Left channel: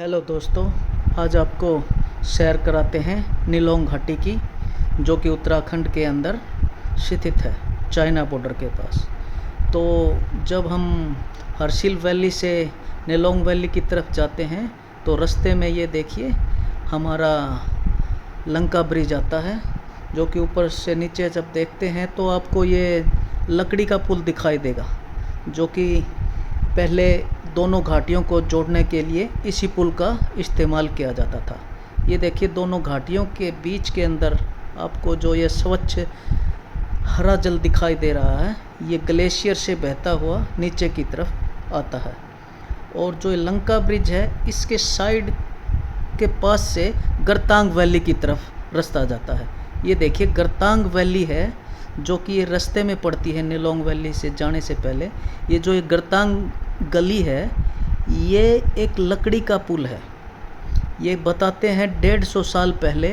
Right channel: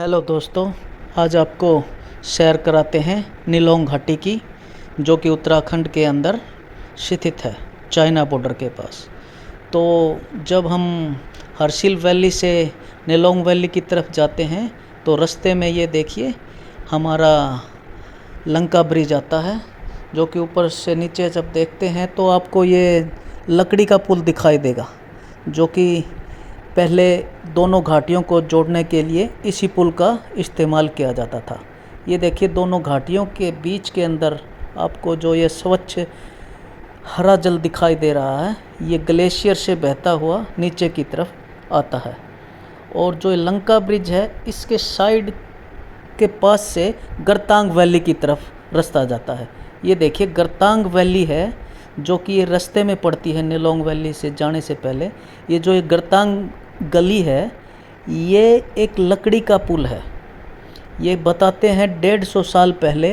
Hello दोस्तों, आज आपको सैर कराते हैं निलोंग घाटी की, जो कि उत्तराखंड के अंदर स्थित है, चाइना बॉर्डर के पास। तो जब हम हर्षिल वैली से निलोंग वैली की तरफ जाते हैं तो रास्ते में ये देखिए हमारा लंका ब्रिज आता है, जो कि ऊपर से नीचे जब देखते हैं तो आपको ये लकड़ी का पुल दिखाई देगा, जो कि पहले दोनों घाटियों को जोड़ने के लिए इसी पुल का इस्तेमाल किया जाता था। ये देखिए दोनों घाटियों के बीच के अंदर आपको जो ये स्वच्छ हरा जल दिखाई दे रहा है, ये ग्लेशियर से बहता हुआ नीचे की तरफ आता है। और जो लंका ब्रिज है, इसके साइड के पास से गरतांग वैली की तरफ रास्ता जाता है। ये देखिए गरतांग वैली है, जो कि ये रास्ते में पड़ती है निलोंग वैली से जाने से पहले। ये जो ये गरतांग गली है, ये एक लकड़ी का पुल है। ये बताते हैं 150 साल पहले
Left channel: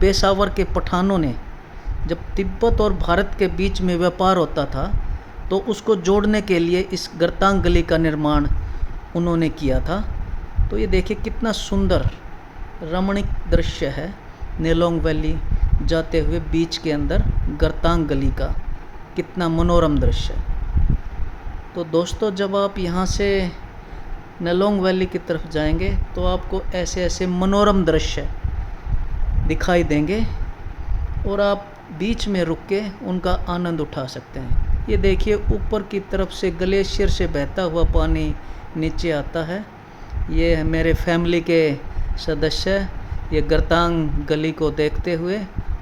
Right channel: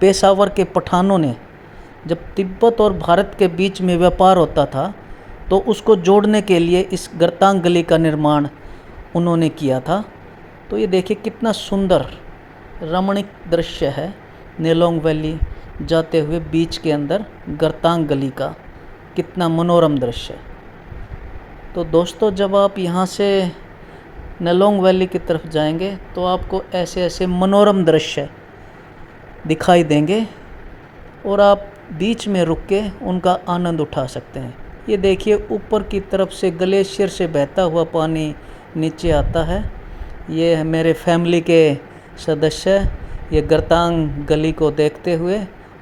पेशावर के पठानों ने, जब तिब्बत और भारत के बीच में व्यापार होता था, तो उसको जोड़ने के लिए इस गरतांग गली का निर्माण उन्होंने किया था। तो ये देखिए कितना सुंदर रमणीक दृश्य है, निलोंग वैली जाते हुए बीच के अंदर गरतांग गली का कितना मनोरम दृश्य है। तो दोस्तों, जब आप यहाँ से निलोंग वैली की तरफ जाएंगे तो आपको ऐसे ऐसे मनोरम दृश्य दिखाई देंगे और आप बीच में रुक के उनका आनंद उठा सकते हैं। ये देखिए ऊपर की तरफ से ग्लेशियर से बहता हुआ पानी नीचे आता है। ये है मेरे फैमिली के सदस्य, ये गरतांग गली को देखते हुए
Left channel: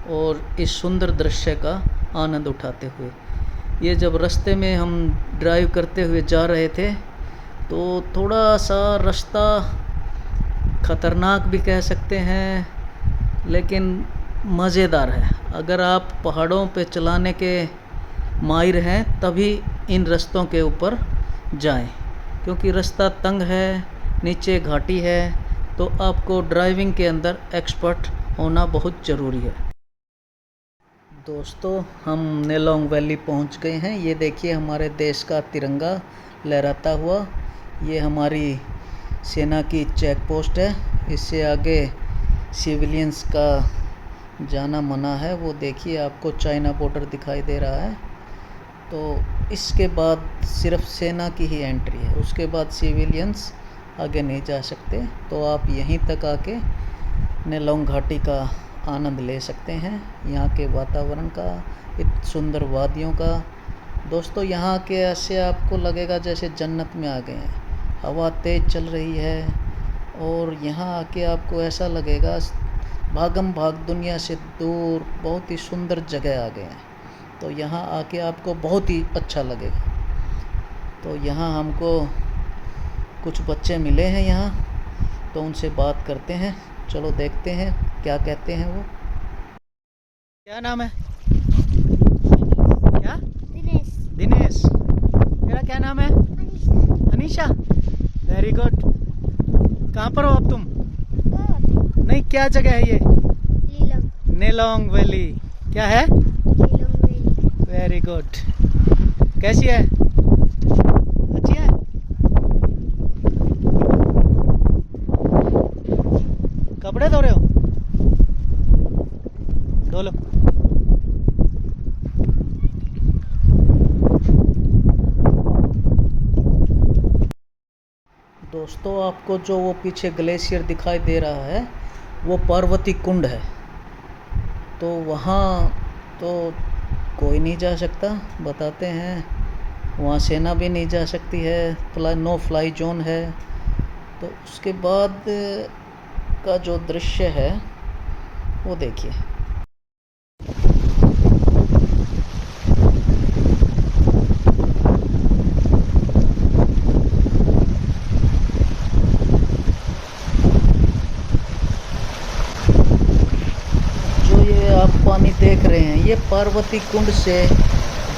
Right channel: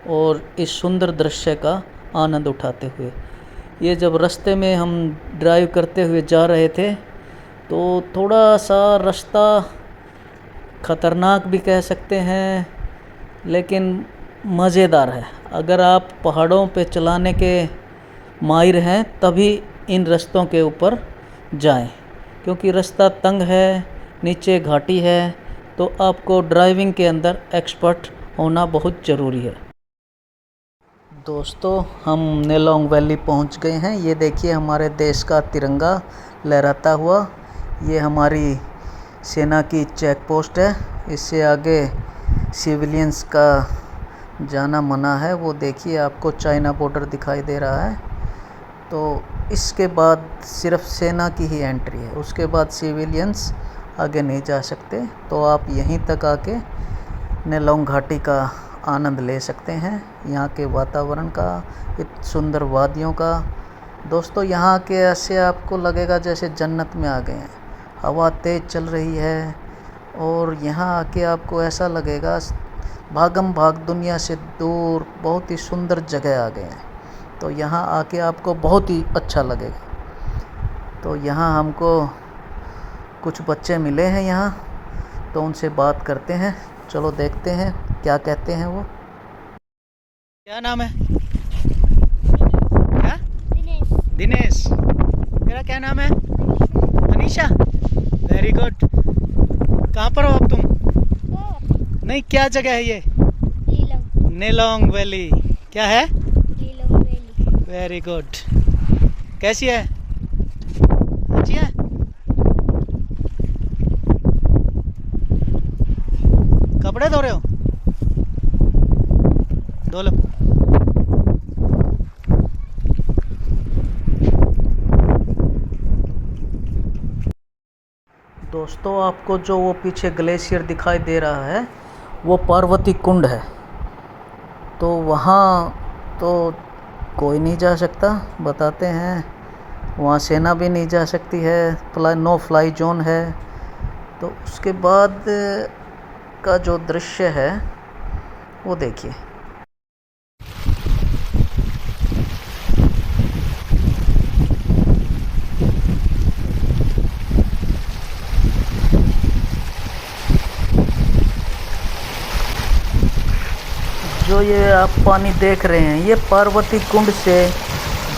और इस सुंदर दृश्य का आनंद उठाते हुए। ये जब रास्ते में हम ड्राइव करते हुए जा रहे थे तो थोड़ा सा रास्ता ख़तरनाक भी कह सकते हैं, लेकिन मज़ेदार है। अगर आप पहाड़ों पे चलाने के माहिर हैं तभी इन रास्तों के ऊपर जाएं, क्योंकि रास्ता तंग है, नीचे घाटी है, तो आपको ड्राइविंग के अंदर एक्सपर्ट होना बहुत ज़रूरी है। दोस्तों, हम निलोंग वैली पहुंच गए हैं। ये देखिए हमारे देश का तिरंगा लहराता हुआ। ये हमारी सेना की चेक पोस्ट है। इससे आगे सिविलियंस का जाना मना है। वो देखिए आपको चाइना बॉर्डर दिखाई दे रहा है। तो इसके बाद सिर्फ सेना की ही एंट्री है, उसके बाद सिविलियंस आगे नहीं जा सकते। तो आप यहीं तक आके निलोंग घाटी का आनंद ले सकते हैं, यहाँ के वातावरण का, इत सुंदर वादियों का। दोस्तों, यहाँ के ऐसे आपको लगेगा जैसे जन्नत में आ गए हैं। हवा तेज़ चल रही है और यहाँ आके आपको ऐसा लगेगा भागम भाग दुनिया से दूर बहुत ही सुंदर जगह आ गए हैं। तो यहाँ आके आपको बहुत ही अच्छा लगेगा। तो यहाँ हमको कुछ बच्चे मिले हैं यहाँ, तो उनसे बात करते हैं। चलो देखते हैं क्या कहते हैं वो। क्या नाम है? क्या? दिनेश। मेरा क्या नाम है? अनीशा। Very good. कहाँ पर हो अब तुम? नहीं, क्या जगह है ये? निलोंग वैली। क्या है? Very good. कैसी है? अच्छी है। कपड़े धो रहे हो? धो लो। दोस्तों, आपको जो वो पीछे ग्लेशियर दिखाई दे रहा है, वो पार्वती कुंड है। तो वहाँ तो कोई नहीं जा सकता, बताते हैं। वहाँ सेना भी नहीं जा सकती है, नो फ्लाई जोन है। तो उसके बाद का जो दृश्य है वो देखिए। जो ये आप पानी देख रहे हैं, ये पार्वती कुंड से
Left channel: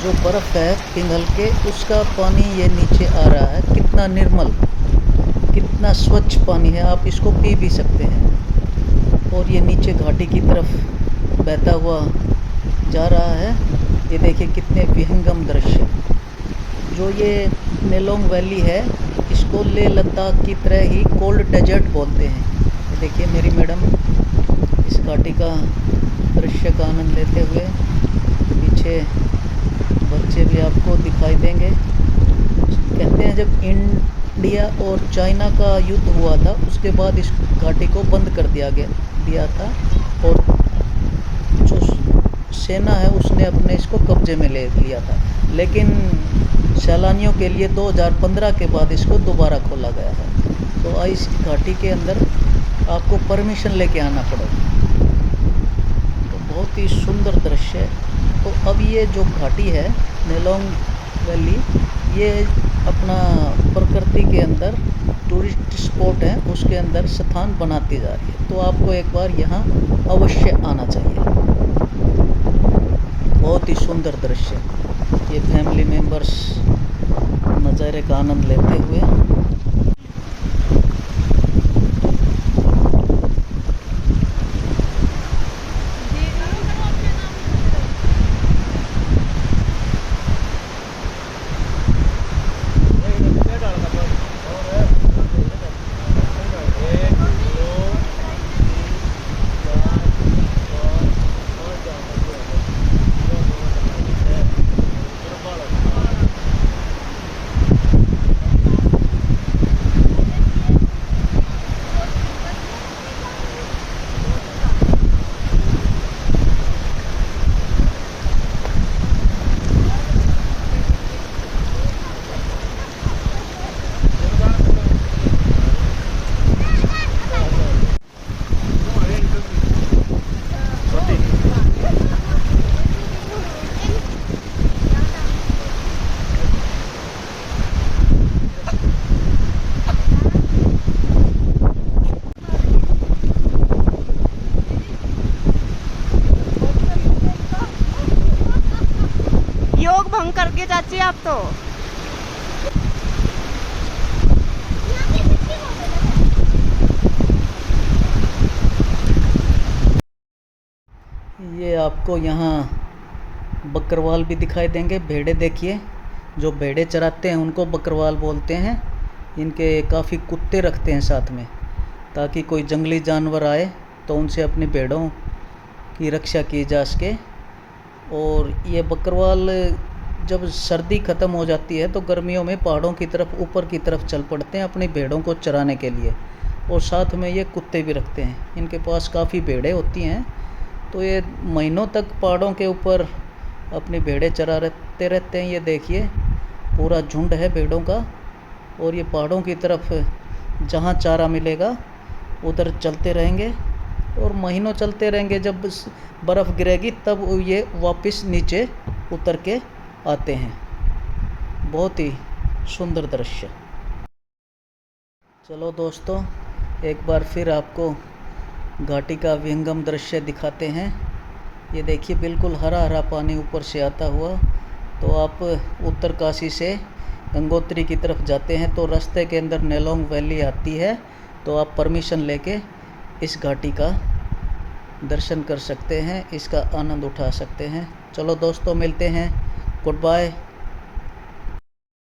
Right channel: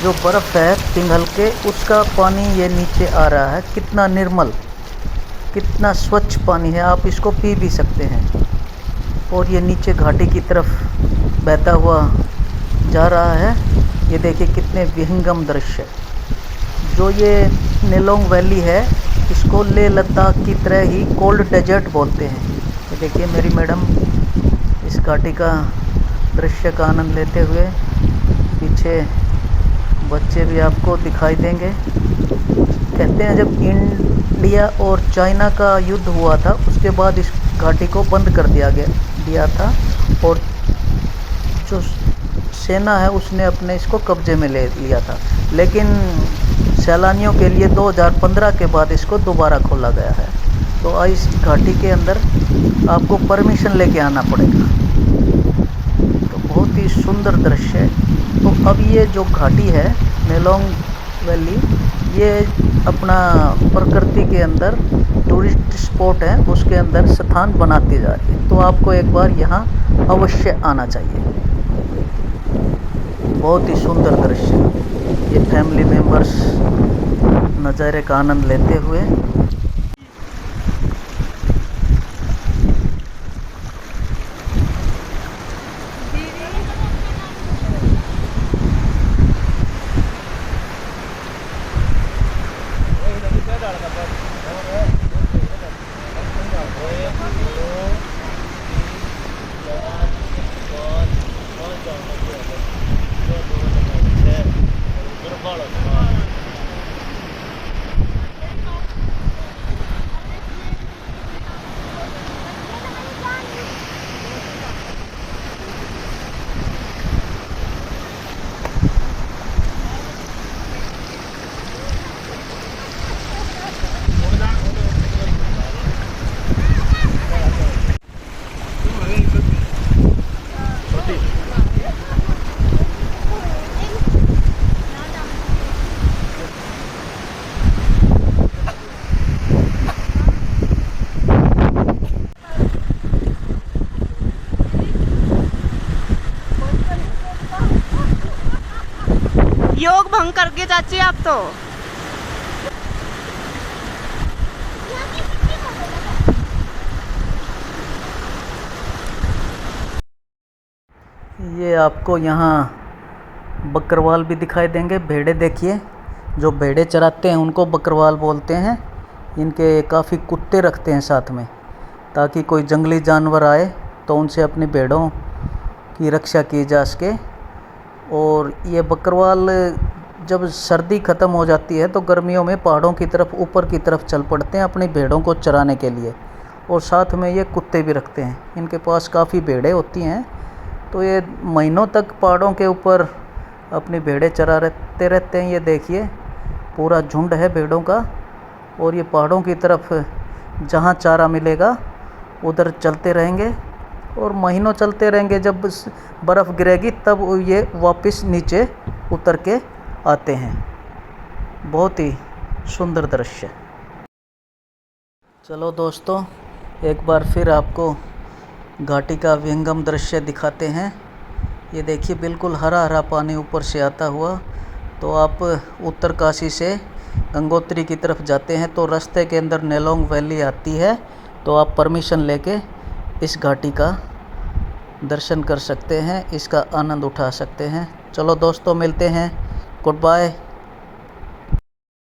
जो बर्फ़ है पिघल के, उसका पानी ये नीचे आ रहा है। कितना निर्मल, कितना स्वच्छ पानी है, आप इसको पी भी सकते हैं। और ये नीचे घाटी की तरफ बहता हुआ जा रहा है। ये देखिए कितने विहंगम दृश्य। जो ये निलोंग वैली है, इसको लेह लद्दाख की तरह ही कोल्ड डेजर्ट बोलते हैं। ये देखिए मेरी मैडम इस घाटी का दृश्य का आनंद लेते हुए, पीछे बच्चे भी आपको दिखाई देंगे। कहते हैं जब इंडिया और चाइना का युद्ध हुआ था उसके बाद इस घाटी को बंद कर दिया था और जो सेना है उसने अपने इसको कब्जे में ले लिया था, लेकिन सैलानियों के लिए 2015 के बाद इसको दोबारा खोला गया है। तो इस घाटी के अंदर आपको परमिशन लेके आना पड़ेगा। तो बहुत ही सुंदर दृश्य है। तो अब ये जो घाटी है नेलोंग वैली, ये अपना प्रकृति के अंदर टूरिस्ट स्पॉट है, उसके अंदर स्थान बनाती जा रही है। तो आपको एक बार यहाँ अवश्य आना चाहिए। बहुत ही सुंदर दृश्य, ये फैमिली मेंबर्स नज़ारे का आनंद लेते हुए। योग भंग करके चाची आप तो। ये आपको यहाँ बकरवाल भी दिखाई देंगे। भेड़े देखिए, जो भेड़े चराते हैं उनको बकरवाल बोलते हैं। इनके काफ़ी कुत्ते रखते हैं साथ में, ताकि कोई जंगली जानवर आए तो उनसे अपनी भेड़ों की रक्षा की जा सके। और ये बकरवाल जब सर्दी ख़त्म हो जाती है तो गर्मियों में पहाड़ों की तरफ ऊपर की तरफ चल पड़ते हैं अपनी भेड़ों को चराने के लिए। और साथ में ये कुत्ते भी रखते हैं। इनके पास काफ़ी भेड़ें होती हैं, तो ये महीनों तक पहाड़ों के ऊपर अपनी भेड़ें चराते रहते हैं। ये देखिए पूरा झुंड है भेड़ों का, और ये पहाड़ों की तरफ जहाँ चारा मिलेगा उधर चलते रहेंगे और महीनों चलते रहेंगे। जब बर्फ़ गिरेगी तब ये वापस नीचे उतर के आते हैं। बहुत ही सुंदर दृश्य। चलो दोस्तों, एक बार फिर आपको घाटी का विहंगम दृश्य दिखाते हैं। ये देखिए बिल्कुल हरा हरा पानी ऊपर से आता हुआ। तो आप उत्तरकाशी से गंगोत्री की तरफ जाते हैं तो रास्ते के अंदर नेलोंग वैली आती है। तो आप परमिशन लेके इस घाटी का दर्शन कर सकते हैं, इसका आनंद उठा सकते हैं। चलो दोस्तों, मिलते हैं। Good bye.